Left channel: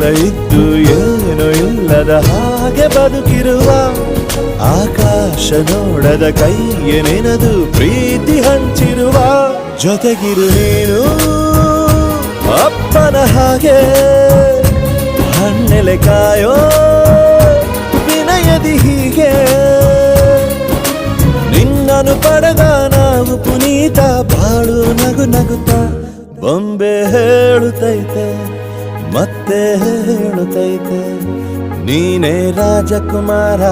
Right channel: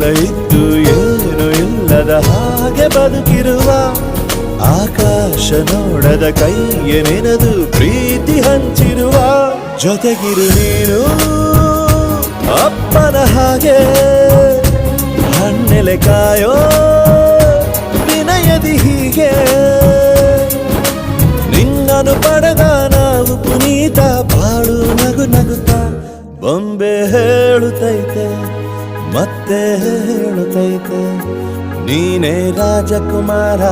ಎಲ್ಲ ಇದ್ದು ಏನು ಇಲ್ಲದ ಹಾಗೆ ಬದುಕಿರುವ ಆಕಾಶ ನೋಡದ ಕೈಯೇ ನೆನೆದು ಪ್ರೀತಿ ಹಂಚಿರುವ ಜೊತೆಗಿರು ನೀನು ಅಪ್ಪನ ಹಾಗೆ ಹಣ್ಣೆಲೆ ಕಾಯೋ ವಿನಯದಿ ಹೀಗೆ ನಿನ್ನನು ಪಡೆದ ನಾವು ಪುನೀತ ಬಾಳು ನಗು ನಗುತ್ತಾ ಬೊಂಬೆ ಹೇಳುತ್ತೈತೆ ಮತ್ತೆ ಹೇಳುತ್ತೈತೆ ನೀನೇ ರಾಜಕುಮಾರ.